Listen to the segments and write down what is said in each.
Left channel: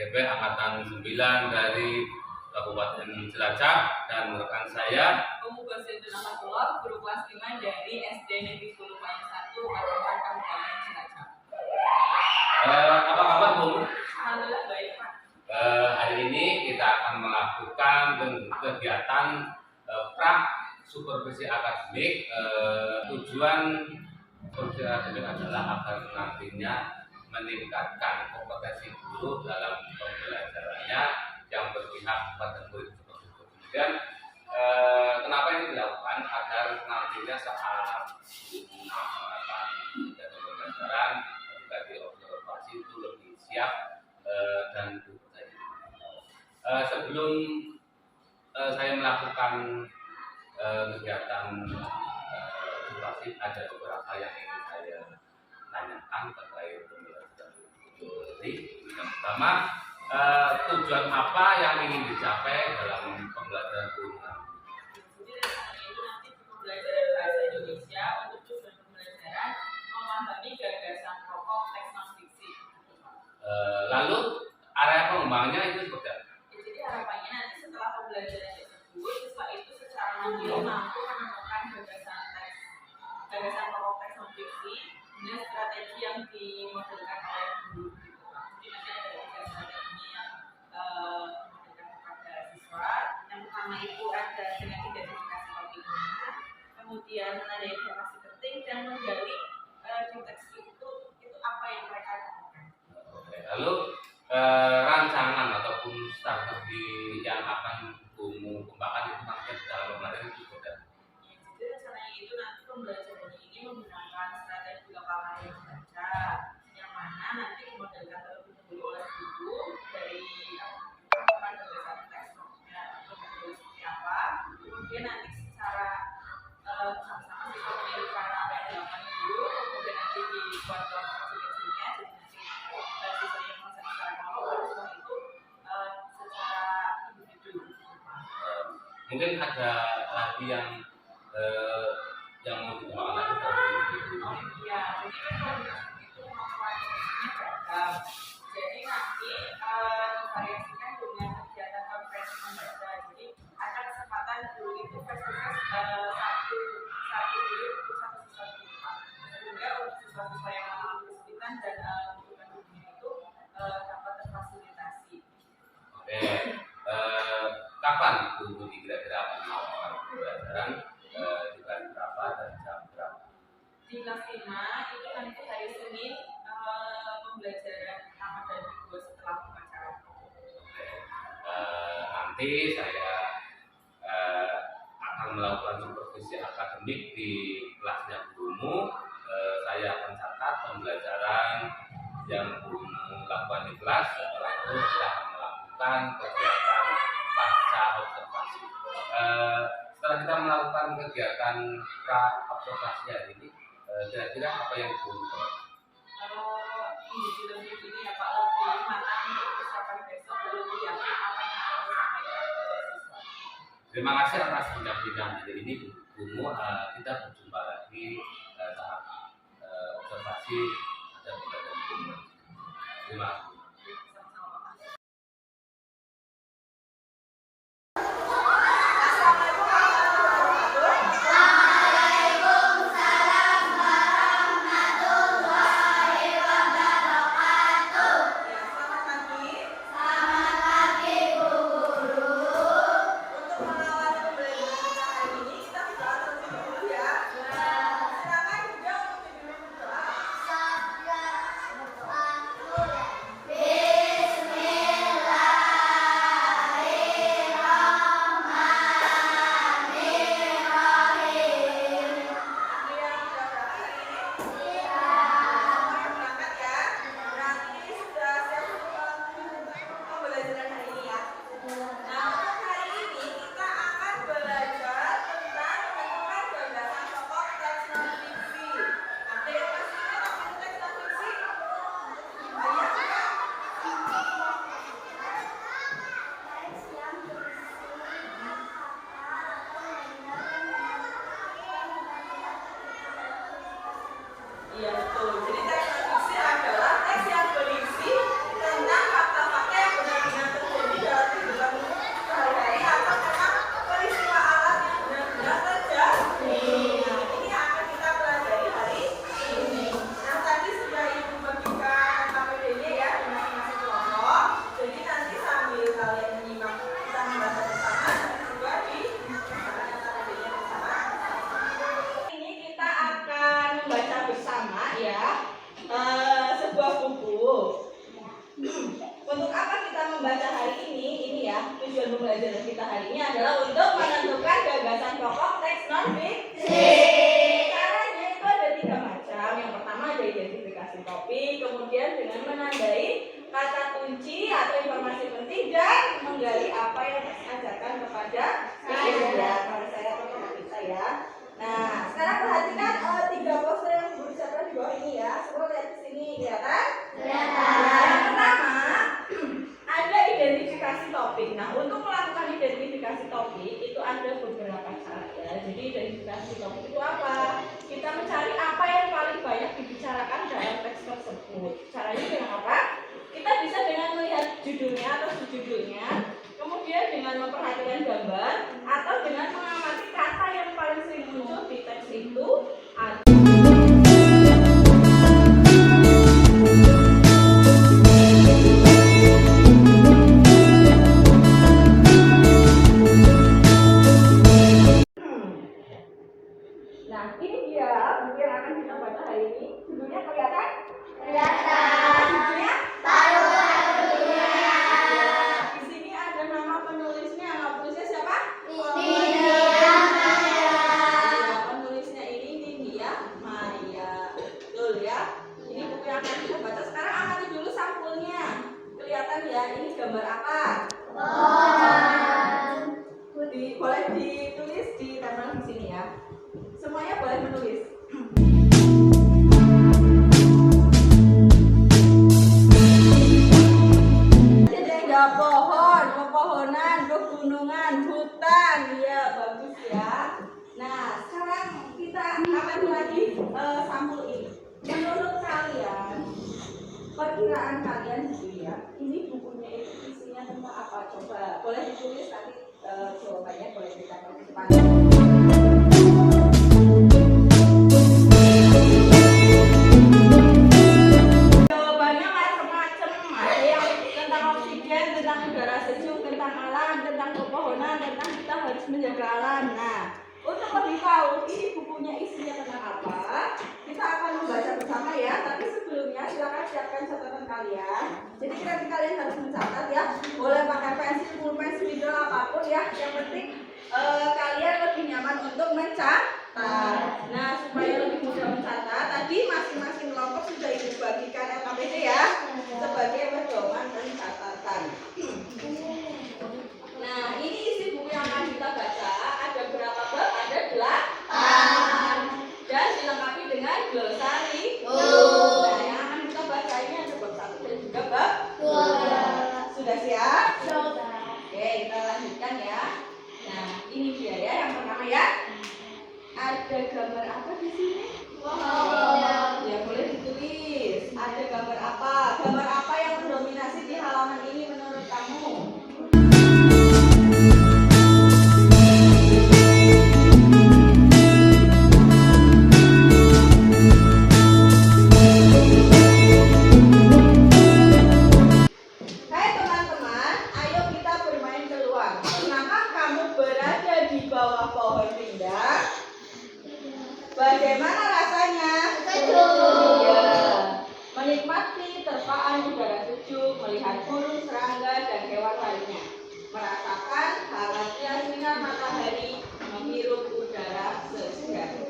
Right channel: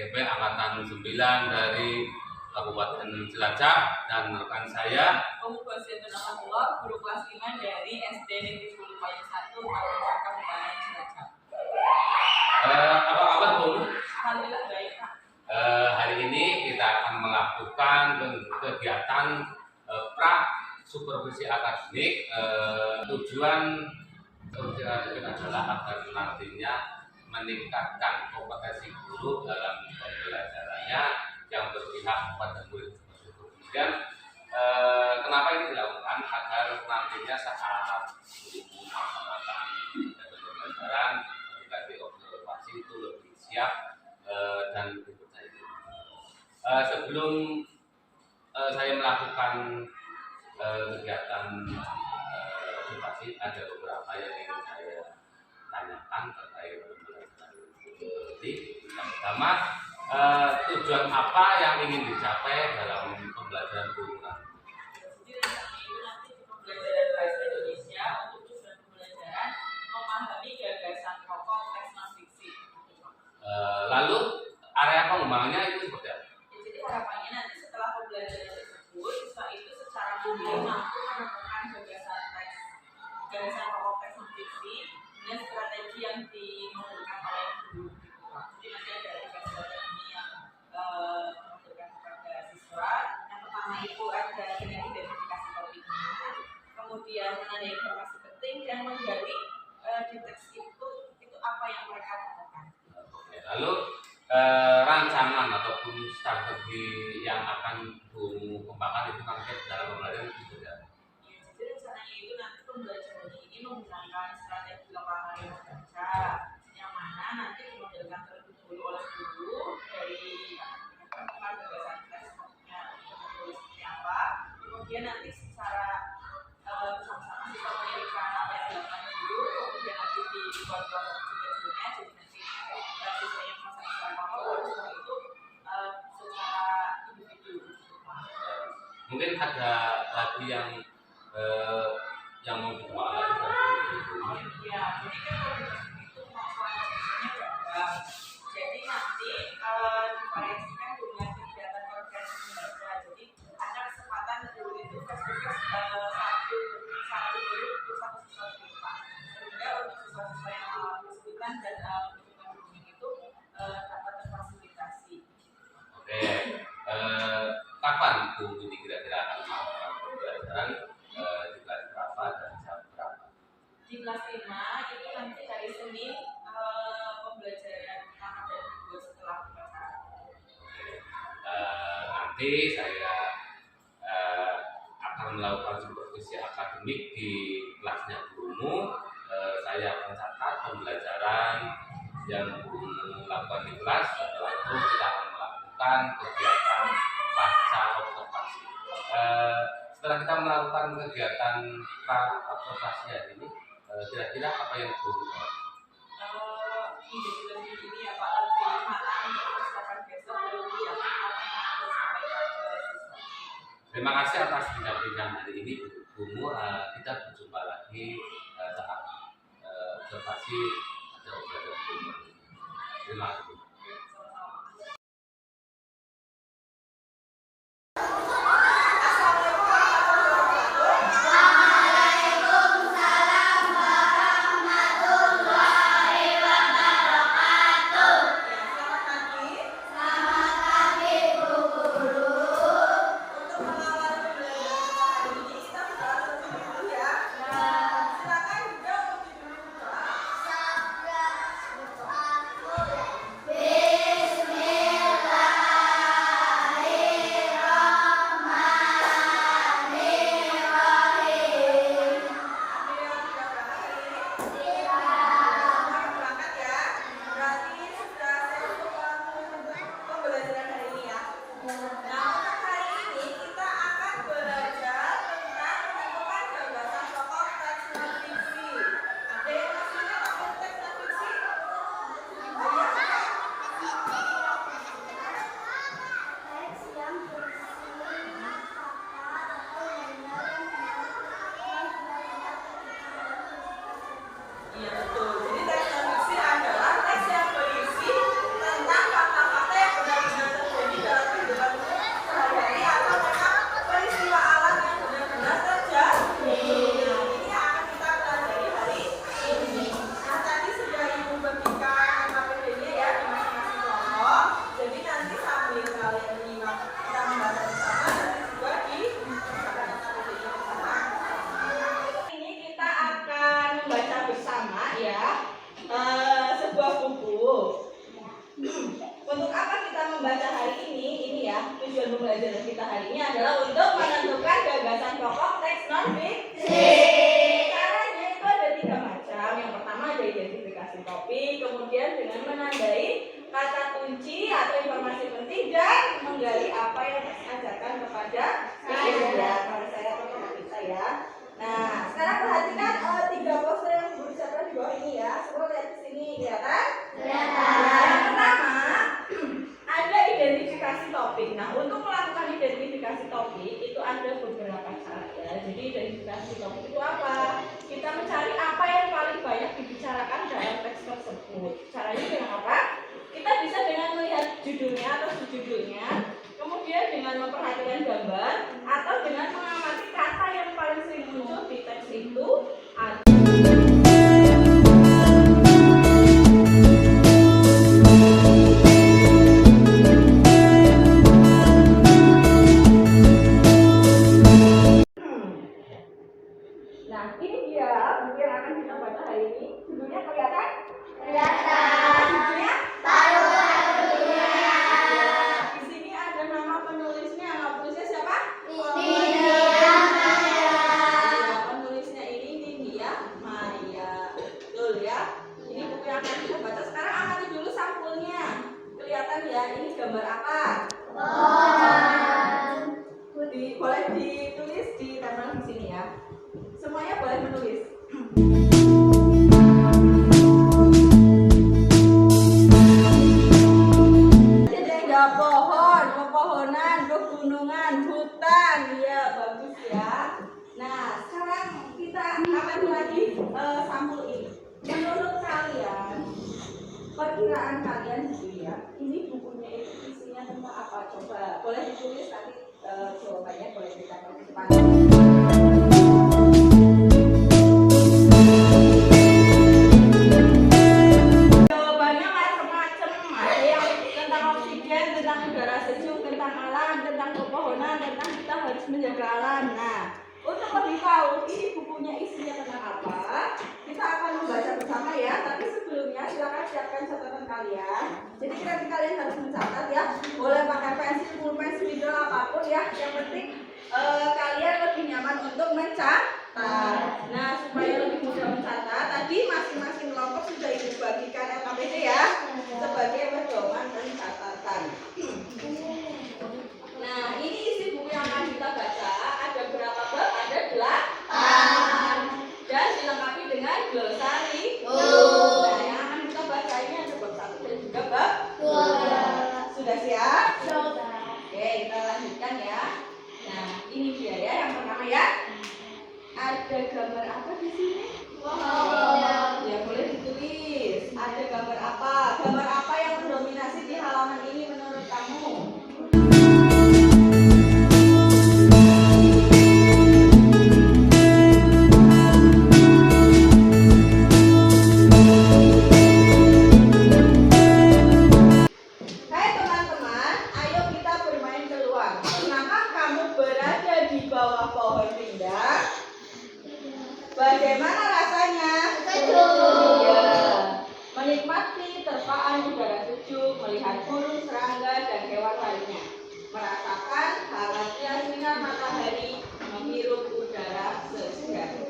PGB Angkatan 9 dari Kabupaten Cilacap, dan rekan saya Pemuda Zaitun Amatullah, guru kelas 5 dari SD Negeri Hulu Payung 1, Mataram, Kabupaten Cilacap. Apa kabar, Bu? Alhamdulillah baik, Pak. Hari ini kita akan melakukan kegiatan supervisi akademik. Tujuan supervisi akademik adalah agar nantinya meningkatkan kompetensi guru dalam pembelajarannya yang berpihak kepada murid seperti itu. Kemudian kenapa ini dilakukan? Agar nantinya saat guru melaksanakan kegiatan pembelajaran ketika diobservasi itu lebih siap dan lebih percaya. Sebelum saya melakukan kegiatan observasi, ada beberapa yang ingin saya tanyakan terkait pembelajaran ini. Yang pertama, tujuan apa yang ingin dicapai dalam pembelajaran guru? Jadi rencana itu nanti pembelajaran bahasa Indonesia untuk tujuan pembelajaran memahami gagasan pokok teks non-fiksi. Lalu area pengembangannya itu seperti apa? Jadi harapannya nanti setelah pembelajaran tersebut, siswa itu secara mandiri mampu menemukan gagasan pokok teks non-fiksi dengan strategi yang dimodelkan oleh guru. Jadi nanti ada 3 strategi yang dimodelkan kepada siswa. Yang pertama itu ada dengan identifikasi topiknya, kemudian menandai informasi penting dan menggali di teks itu apa yang mereka temukan. Oke. Lalu rancangan ataupun strategi yang akan kamu kembangkan itu nanti dalam pembelajaran itu seperti apa? Ya, jadi rencananya itu nanti pembelajaran ini menggunakan strategi lokal karya membaca, yang mana nanti dimodelkan terlebih dahulu oleh guru dari menemukan gagasan teksnya untuk menulis seperti apa, kemudian nanti secara bersama-sama kita menelitikan apa yang dilakukan guru, kemudian nanti dibuat kelompok kecil-kecilnya, jadi nanti siswa yang merasa secara kelompok, baru setelah itu secara individu. Mungkin ada lagi yang mau dikembangkan lagi seperti itu. Ya, jadi kan kalau itu kemampuan kognitifnya beragam. Jadi nanti divariasikan dengan kegiatan konferensi membaca. Jadi ada kesempatan dulu itu face-to-face satu guru untuk satu siswa terlibat. Sehingga untuk siswa-siswa yang mengalami kesulitan dan membutuhkan bimbingan itu dapat terfasilitasi. Oke. Kapan Bu kira-kira akan melakukan pembelajaran di kelas berapa dan jam berapa? Di kelas 5 itu nanti hari Senin pembelajaran pertama dan kedua setelah upacara. Nanti saya akan melakukan supervisi akademik di kelasnya gurumu. Saya akan catat pembelajaran yang gurumu lakukan di kelas. Setelah itu kita akan melakukan kegiatan pasca observasi. Setelah kita melakukan kegiatan pra observasi hari ini, kira-kira apa yang guru Jadi lebih ini ya Pak, lebih matang untuk persiapan besok, lebih yakin apa yang akan disampaikan ke siswa. Terima kasih atas bincang-bincang hari ini, Bu. Kita berjumpa lagi saat observasi ada pembelajaran guru. Terima kasih. untuk apa kita membaca hari ini? Ini ya, tujuan pembelajaran kita hari ini adalah untuk menentukan gagasan pokok teks non-fiksi. Caranya itu ada 3 macam. Yang pertama ada identifikasi topik, kemudian dengan menandai kata kunci atau informasi penting dan menggali apa yang teks ajarkan kepada saya. Pada saya atau kepada kita ya. Nah, sekarang perhatikan 3 poster yang berusaha di bawah ini ya. Semua lihat di sini, kelihatan? Nah, yang pertama ada identifikasi topik. Nah, untuk melakukan identifikasi topik itu ada beberapa cara ya. Jadi identifikasi topik itu apa? Kita mencari apa yang paling banyak dibicarakan dalam teks tersebut. Caranya dengan apa? Kita bisa dengan melihat judulnya atau subjudulnya, kemudian dengan memperhatikan gambar, atau dengan mengamati kata yang paling sering muncul di teks itu. Nah, ini dia buku yang akan kita baca hari ini. Judulnya kelihatan? Kelihatan. Judulnya? Di sini ada nama penulisnya. Nama penulisnya siapa? Penulisnya ini Nindya Maya. Betul ya? Ini buku yang akan kita baca. Sekarang amati dulu sampulnya. Kelihatan ya? Ini gambar apa? Boleh ditulis di tempel di sini ya. Semuanya boleh menulis. Jadi ada pohon, pepohonan, pegunungan, hutan. Iya, bagus ya. Nah, sekarang kita amati lagi sampul ini. Menurut kalian, perkiraan kalian gitu ya, ini bukunya itu isinya tentang apa? Coba boleh ditulis nanti jawabannya boleh ditambah di depan. Jawabannya macam-macam. Ada yang tentang oksigen, tentang udara sejuk, tentang alam, tentang pepohonan, tentang kita harus menjaga alam. Nah, untuk lebih tahu ini bukunya isinya tentang apa, kita akan membaca bersama ya. Tapi sebelumnya silakan siapkan catatan kalian. Jadi kalian harus mencatat ya. Boleh pakai pensil, pulpen, spidol apapun ya. Yang penting kalian lebih nyaman untuk mencatat. Nah, supaya lebih mudah mencatat, tadi masing-masing kelompok sudah ibu bagikan LKPD ya sebagai pedoman pencatatan. Nah, ini isi buku yang akan kita baca. Ada berapa bab? Ada 8 dan dilengkapi dengan glosari. Nah, yang akan kita baca ini ada bab 1 dan juga bab 2. Sudah siap? Oke, kita lanjutkan ya. Nah, ini dia ya yang pertama ya. Ada gambar apa di sini? Ya, boleh ditulis. Ada gambar apa? Gambar apa yang mendominasi di halaman ini menurut kamu? Hai teman-teman, ayo kita bermain keluar. Pernahkah kamu berada di bawah pohon rindang? Bagaimana rasanya? Sejuk. Iya. Menikmati terpaan udara sejuk, melihat burung, serangga, dan hewan lainnya. Merasakan hangatnya sinar matahari, menghirup udara segar.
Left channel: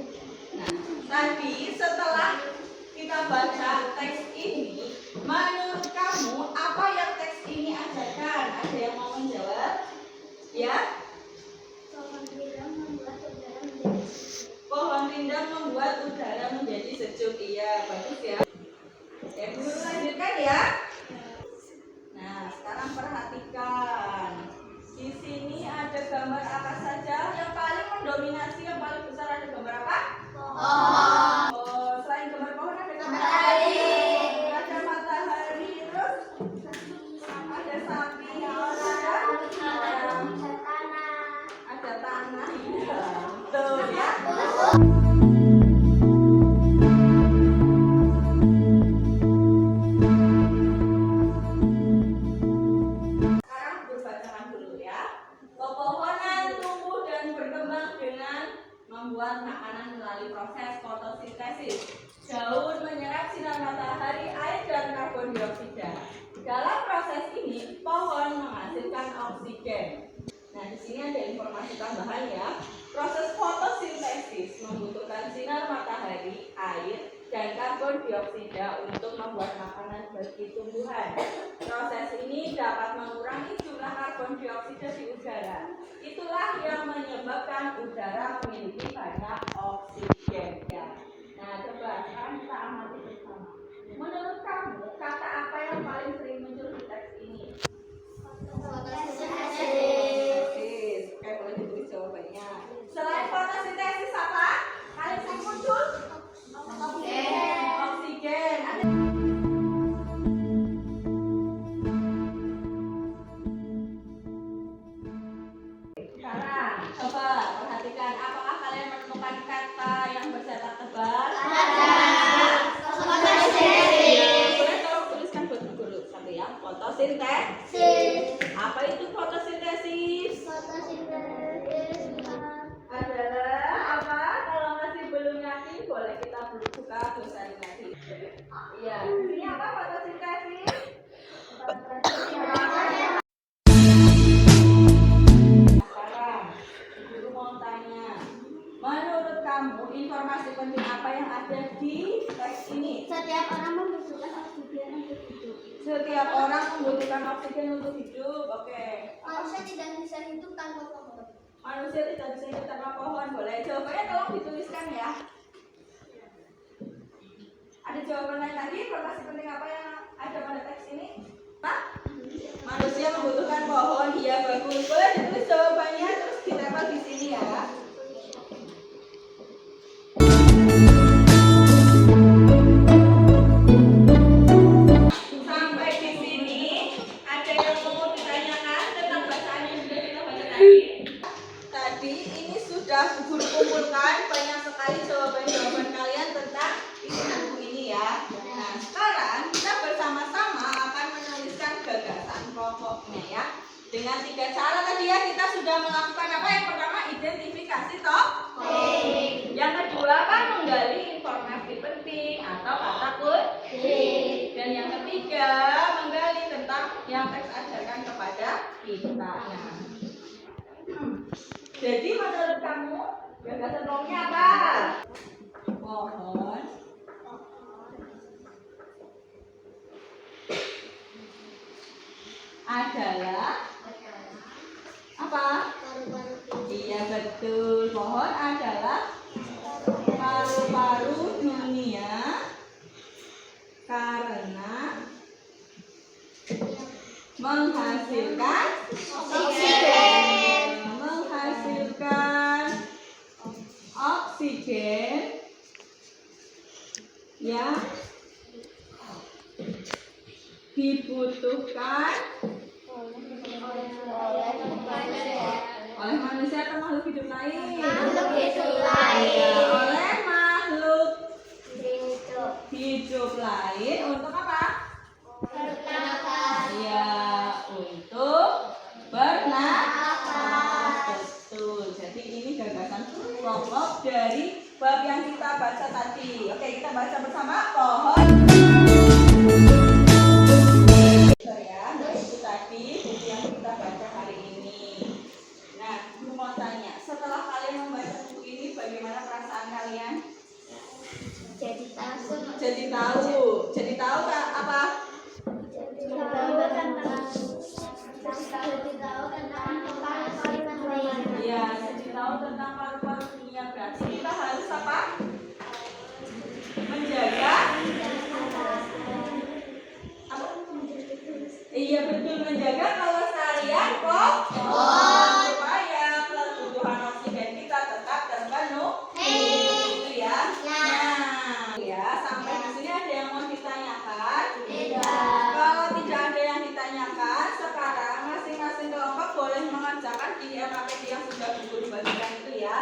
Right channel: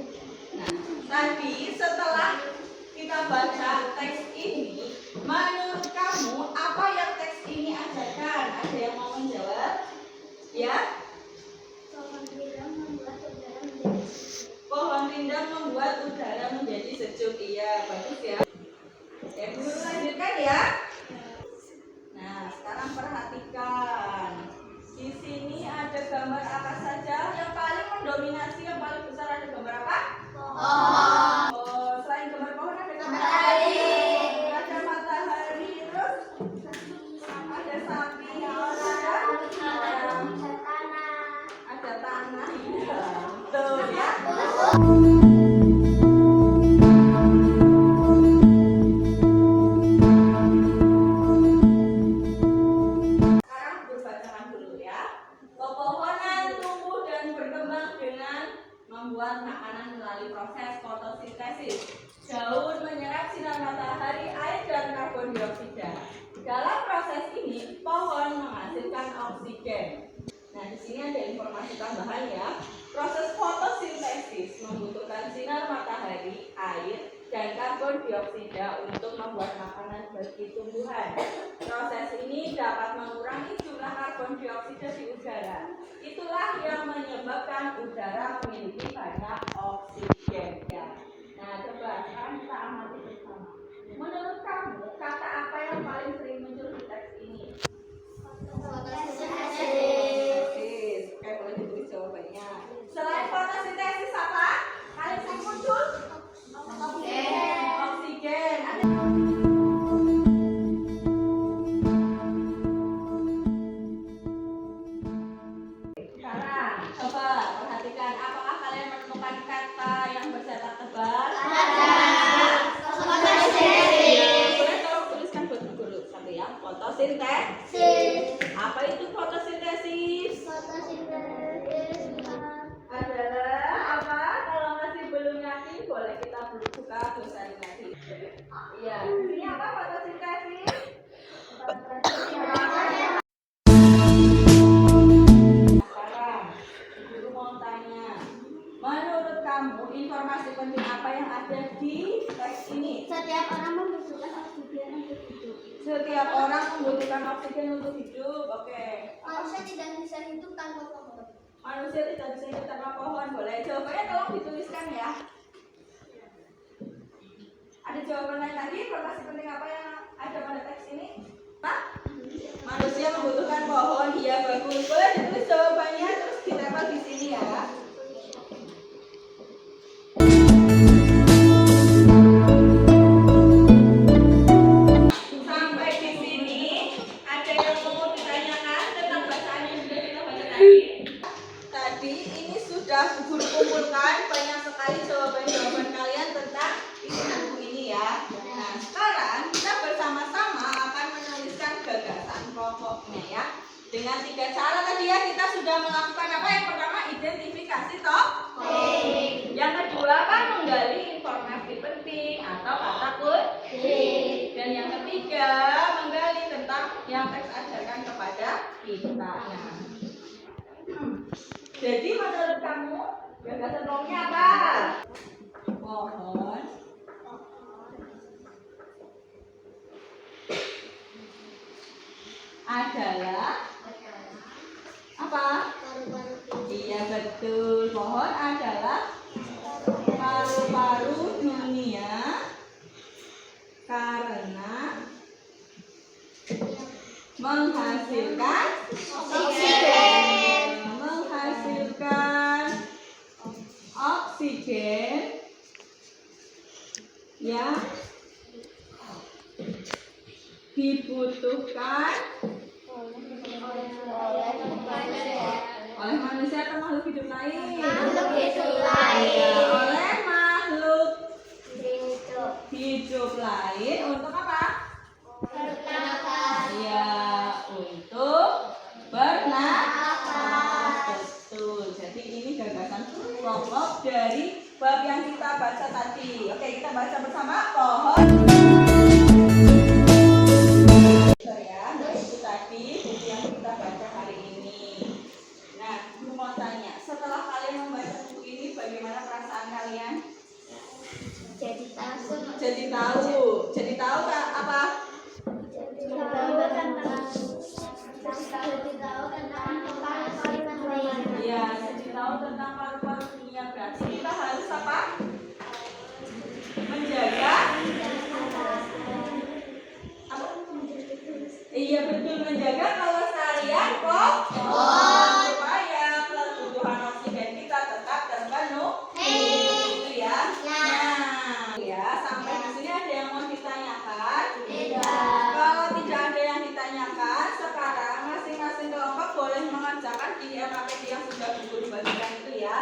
Nah, tadi setelah kita baca teks ini, menurut kamu apa yang teks ini ajarkan? Ada yang mau menjawab? Ya? Pohon rindang membuat udara menjadi sejuk. Iya, bagus ya. Oke, guru lanjutkan ya. Nah, sekarang perhatikan. Di sini ada gambar apa saja? Yang paling mendominasi, yang paling besar ada gambar apa? Oh, selain gambar pohon ada gambar apa? Ada matahari, terus ada sapi, ada tanah. Iya, betul ya. Sekarang berbacakan dulu ya. Pepohonan tumbuh dan berkembang dengan sini ada informasi tambahan ya. Proses fotosintesis membutuhkan sinar matahari, air, dan karbon dioksida untuk membuat makanan bagi tumbuhan. Proses ini dapat mengurangi jumlah karbon dioksida di udara. Itulah yang menyebabkan udara memiliki banyak oksigen. Ya. Nah, coba sekarang kita amati bersama. Menurut kamu, kata apa yang paling sering muncul di teks ini? Fotosintesis. Oke, boleh ditulis jawabannya. Selain fotosintesis apa? Paling sering muncul? Oksigen. Sekarang, coba perhatikan. Apakah kalian menemukan kata yang bercetak tebal? Boleh tolong tuliskan buat guru satu ya. Fotosintesis. Apa itu fotosintesis? Adalah apa? Kalau masih belum yakin, boleh kita buka dosen lagi. Iya. Ini apa fotosintesis? Sekarang, guru mau tanya. Menurut kamu, informasi penting apa yang ada di teks ini? Setiap orang membutuhkan oksigen untuk hidup. Setiap orang membutuhkan oksigen untuk hidup. Oke. Manusia tidak bisa hidup tanpa pohon. Manusia tidak bisa hidup tanpa pohon. Boleh jawabannya tolong dituliskan ya. Ada jawaban lain lagi? Informasi penting apa yang ada pada teks ini? Hah? Manusia membutuhkan pohon. Iya, bagus. Boleh ditulis jawabannya terus ditempel di sini ya. Sampai di sini ada yang mau ditanyakan tentang bacaan yang sudah kita baca tadi? Tadi ini sudah guru kumpulkan banyak sekali jawaban-jawaban kalian tentang isi buku ini ya. Nah, sekarang kita bersama-sama akan menuliskan gagasan pokoknya ya. Dengan 3 cara tadi ya kita sudah melakukan apa? Yang pertama identifikasi topik. Yang kedua apa? Menggali informasi penting atau kata kunci. Dan yang ketiga menggali tentang yang teks ajarkan kepada kita. Nah, jadi menurut kamu gagasan pokoknya apa? Pohon adalah apa? Iya betul. Pohon adalah paru-paru dunia karena menghasilkan oksigen yang dibutuhkan oleh manusia atau makhluk hidup lain? Ya, oleh makhluk hidup lain untuk apa? Ya, untuk bernapas. Betul. Jadi ini gagasan pokok dari bab yang kita baca tadi. Oke, kita baca bersama pohon. Ya, itu tadi buku yang kita baca hari ini. Nah, gue mau tanya, setelah kalian membaca buku ini, bagaimana perasaan kalian? Jadi tahu Kak, apa? Iya, jadi tahu tentang paru-paru dunia. Berarti kita harus apa? Menjaga. Apa? Iya betul, menjaga kelestarian pohon supaya kebutuhan oksigen kita tetap terpenuhi. Itu ya. Nah, ya sampai di sini ada yang mau ditanyakan? Kalau tidak ada yang ditanyakan, sekarang masing-masing kelompok boleh mengerjakan di LKPD yang sudah guru bagikan itu ya.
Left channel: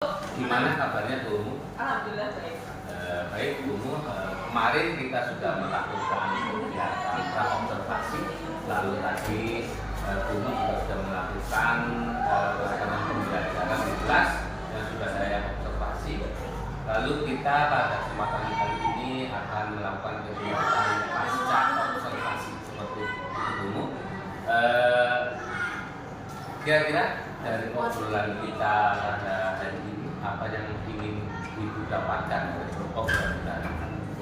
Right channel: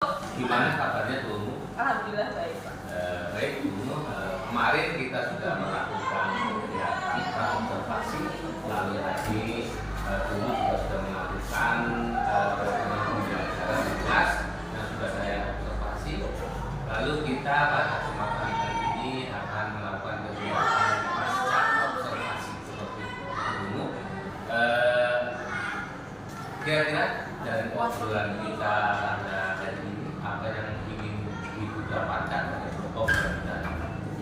Gimana kabarnya Bu? Alhamdulillah baik Pak. Baik Bu, kemarin kita sudah melakukan kegiatan observasi, lalu tadi Bu juga sudah melakukan pelaksanaan pembelajaran di kelas yang sudah saya observasi. Lalu kita pada kesempatan kali ini akan melakukan kegiatan pasca observasi seperti itu Bu. Kira-kira dari obrolan kita pada hari ini apa yang ingin Ibu dapatkan dari obrolan kita?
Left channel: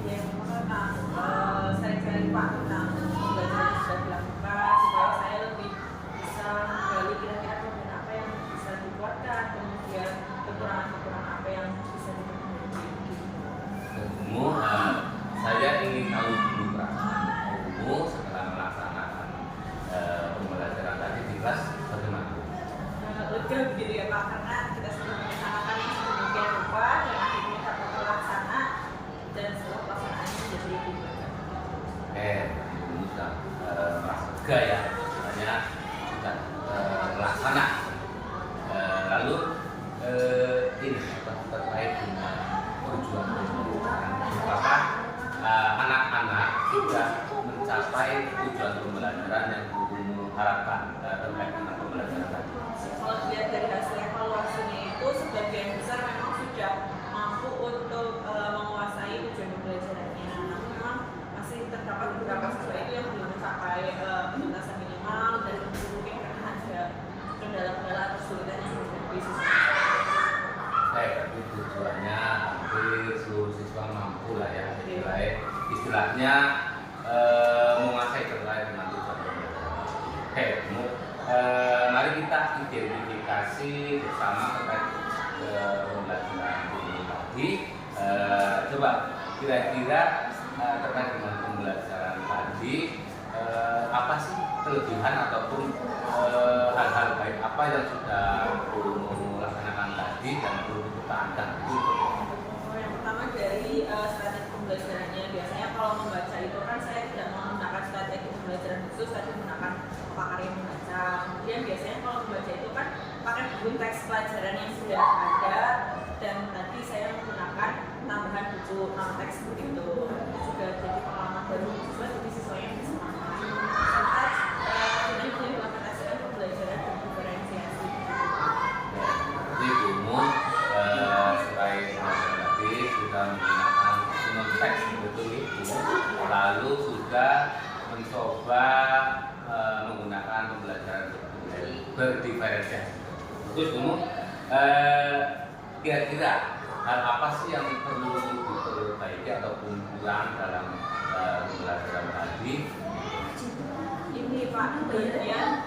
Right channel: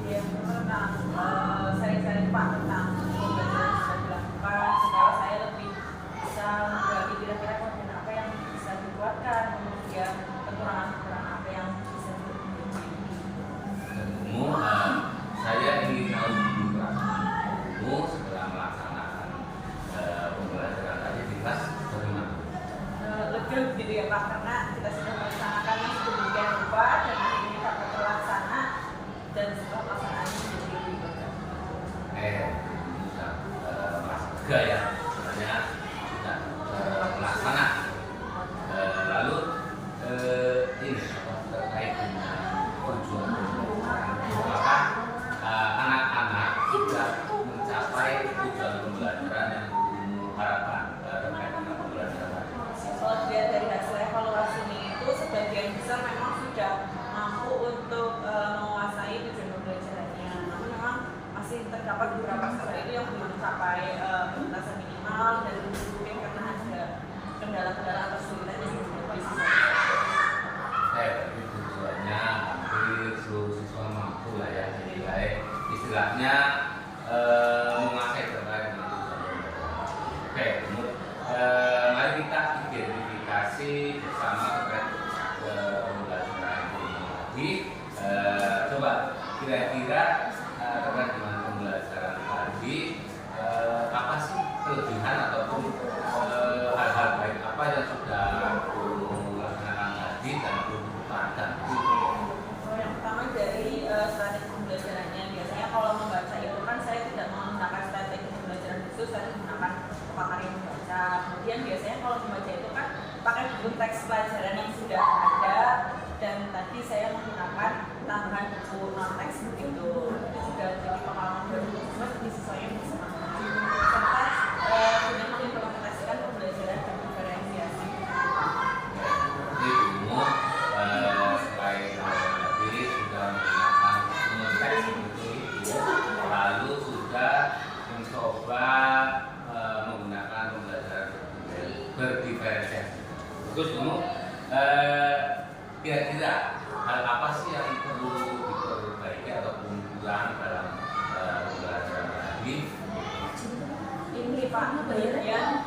Yang pertama sering-sering Pak tentang pembelajaran yang sudah dilakukan supaya saya lebih bisa menggali kira-kira kemudian apa yang bisa dikuatkan, kemudian kekurangan-kekurangan apa yang bisa diperbaiki. Ibu, saya ingin tahu dulu perasaan Ibu setelah melaksanakan pembelajaran tadi di kelas bagaimana? Lega gitu ya Pak, karena kita sudah melaksanakan yang sedemikian rupa dan akhirnya dapat terlaksana dan setelah pelaksanaannya menjadi lebih baik. Oke, Ibu sudah merasa lega ya, misalnya sudah melaksana. Lalu ini apa terkait dengan tujuan pembelajaran? Apakah anak-anak sudah mencapai tujuan pembelajaran yang Ibu harapkan terkait dengan pembelajaran tadi? Kalau dilihat dari hasil evaluasinya itu sebagian besar memang sudah mampu untuk menguasai tujuan pembelajarannya. Namun memang masih terdapat beberapa siswa itu yang belum mencapai penuntasan minimal dan mungkin karena ada kendala-kendala atau kesulitan yang menghadapi siswa. Berarti tujuannya hampir seluruh siswa mampu lah ya, istilahnya menguasai terkait dengan tujuan pembelajaran. Oke, mari kita identifikasi bersama terkait pembelajaran ini tadi. Coba kira-kira terkait dengan pembelajaran tadi apa sih kelebihan ataupun hal-hal baik apa yang sudah Ibu laksanakan tadi dan perlu dipertahankan? Yang pertama dari strategi pembelajarannya, biasanya kalau membaca itu kan saya tidak menggunakan strategi pembelajaran khusus, tapi menggunakan pemaparan membaca. Kemudian biasanya kalau membaca itu kan pakai buku teks pelajaran yang sudah ada, dan tadi saya menggunakan tambahan buku non teks begitu. Itu juga jadi pengalaman baru siswa, jadi siswanya bisa memahami. Serta dengan mengimplementasikan pembelajaran dan diferensiasi. Jadi Ibu selain pelajaran tadi sudah menggunakan teks begitu Ibu, lalu sudah mencoba menggunakan pembelajaran berdiferensiasi. Terus Ibu, kira-kira hal apa sih yang perlu diperbaiki ataupun kurang dalam pembelajaran tadi? Ini Pak, bagian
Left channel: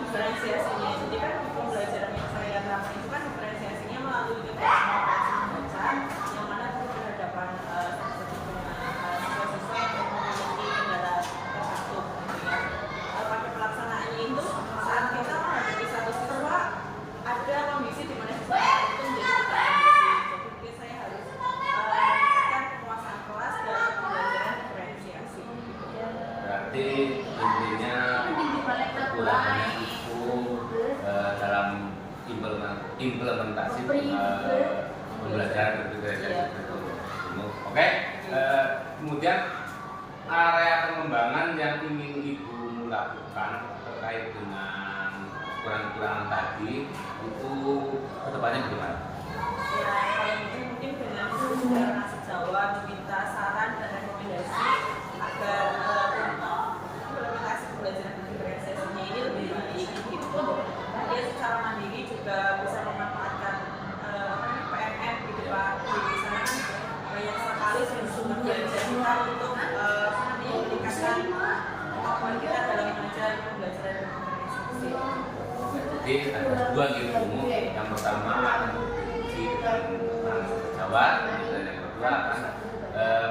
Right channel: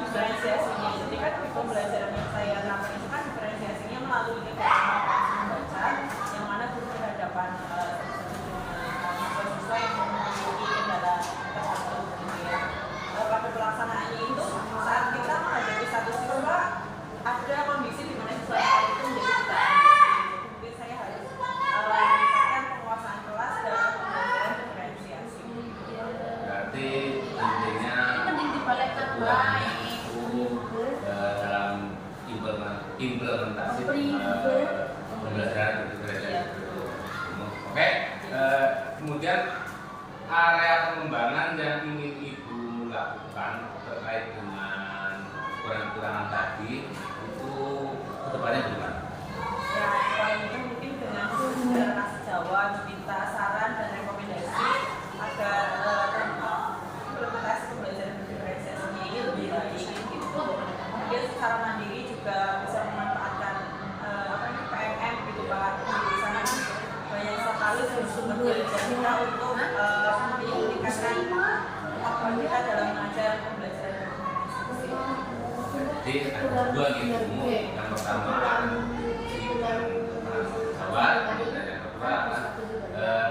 diferensiasinya. Jadi kan pembelajaran yang saya lakukan itu kan diferensiasinya melalui kegiatan membaca, yang mana berhadapan siswa-siswa yang memiliki kendala tertentu gitu ya. Pada pelaksanaannya itu saat kita menghadapi satu siswa ada kondisi di mana siswa itu menjadi tidak kondisi. Jadi saya harus meningkatkan penguasaan kelas dalam pembelajaran diferensiasi. Berarti intinya kekurangannya itu dalam implementasi pembelajaran berdiferensiasi. Oke, kemudian area pengembangan yang ingin Ibu lakukan terkait dengan kekurangan tadi itu kedepannya gimana? Ya, yang paling penting mungkin dengan saudara Nasi Jawa meminta saran dan rekomendasi agar implementasi pembelajaran berdiferensiasinya ini lebih baik gitu. Dia secara mandiri juga bisa memanfaatkan PMM gitu Pak. Di sana kan banyak sekali sumber belajar kita untuk meningkatkan kemampuan kita dalam mengajar pembelajaran berdiferensiasi. Jadi ada dua ilmu, yang pertama di Jawa, dan yang kedua akan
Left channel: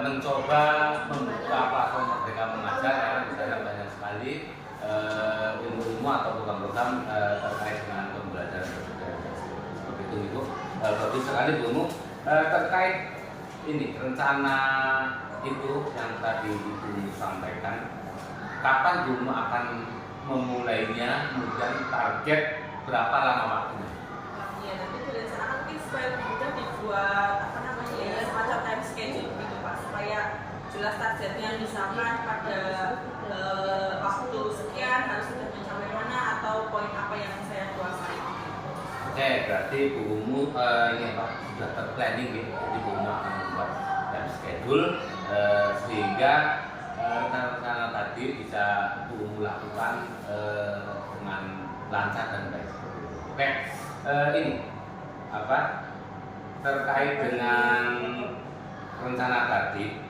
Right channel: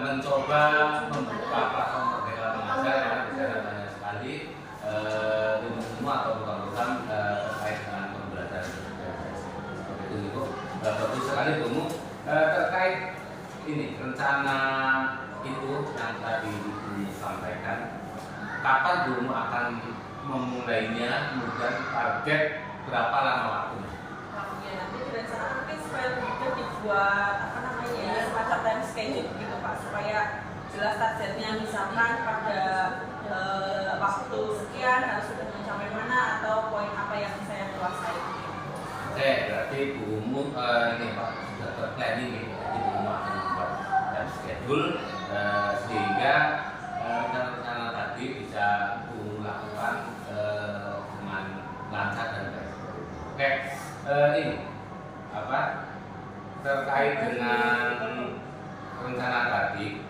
mencoba membuka platform Merdeka Mengajar karena di sana banyak sekali ilmu-ilmu atau program-program terkait dengan pembelajaran berdiferensiasi. Seperti itu Ibu. Bagus sekali Ibu. Terkait ini rencana itu yang tadi Ibu sampaikan, kapan Ibu akan memulainya, kemudian target berapa lama waktunya? Ya, nanti direncanakan mungkin supaya lebih mudah dibuat apa namanya ya semacam time schedule gitu Pak, supaya jelas targetnya, misalkan pada waktu sekian harus sudah mencapai mana atau poin apa yang saya kuasai. Oke, berarti bukumu ini Pak sudah terplanning gitu. Jadi bukumu akan membuat dan schedule sehingga rencana tadi bisa bukumu lakukan dengan lancar dan baik. Oke, ini apa terkait dengan rencana tadi,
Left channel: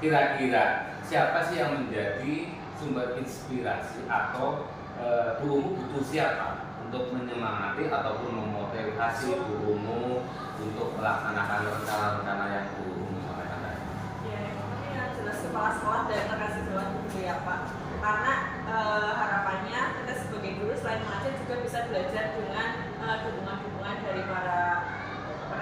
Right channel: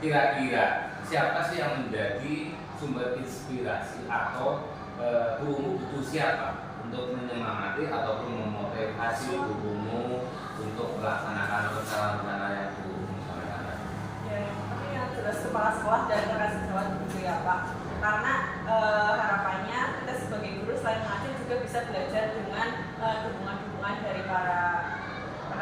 kira-kira siapa sih yang menjadi sumber inspirasi atau bukumu butuh siapa untuk menyemangati ataupun memotivasi bukumu untuk melaksanakan rencana-rencana yang bukumu sampaikan tadi? Ya, yang penting yang jelas kepala sekolah dan rekan sejawat guru ya Pak. Karena harapannya kita sebagai guru selain mengajar juga bisa belajar dengan dukungan-dukungan dari para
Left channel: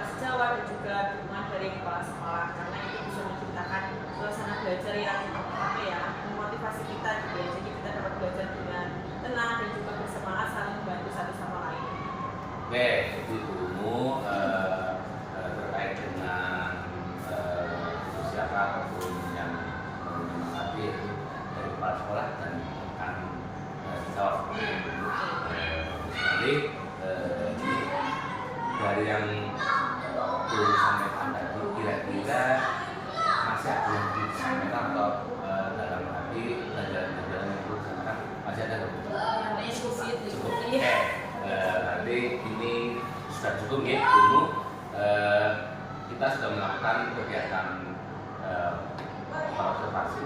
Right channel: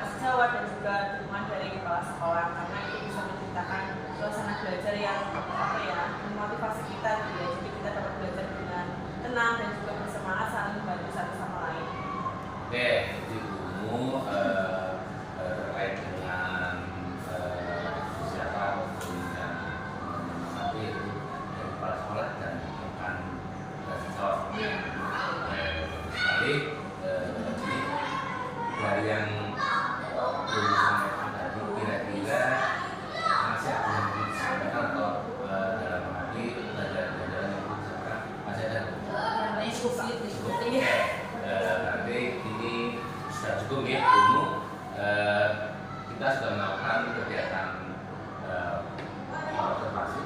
sejawat dan juga dukungan dari kepala sekolah, karena itu bisa menciptakan suasana belajar yang apa ya memotivasi kita gitu ya. Jadi kita dapat belajar dengan tenang dan juga bersemangat saling membantu satu sama lain. Oke, jadi bukumu terkait dengan siapa guru yang menyemangati dari kepala sekolah dan rekan siswa. Sekali ini dari yang guru sampaikan tadi, kira-kira masih ada yang perlu disampaikan atau dalam hati pelajaran-pelajaran yang perlu disampaikan masih ada? Cukup. Oke, berarti ini sudah cukup ya bukumu. Kita sudah melakukan kegiatan observasi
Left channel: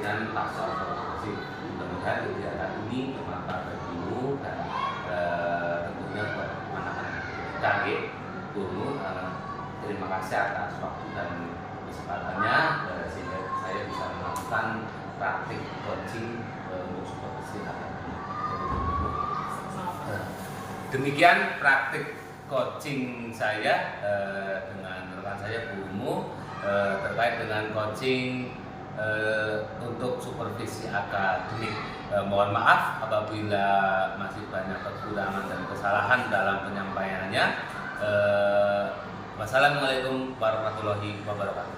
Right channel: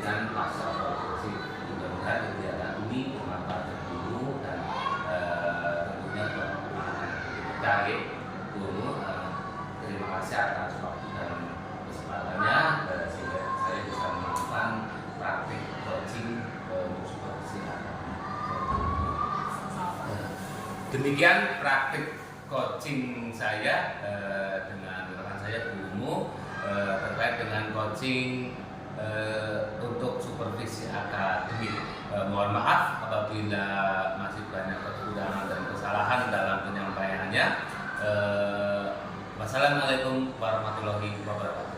dan pasca observasi. Mudah-mudahan kegiatan ini bermanfaat bagi guru dan tentunya buat anak-anak kita ya. Guru, terima kasih atas waktu dan kesempatannya sehingga saya bisa melakukan praktik coaching untuk supervisi akademik. Demikian praktik coaching saya dengan rekan saya bukumu terkait dengan coaching untuk supervisi akademik. Mohon maaf apabila masih banyak kekurangan dan kesalahan dalam penyampaiannya. Wassalamualaikum warahmatullahi wabarakatuh.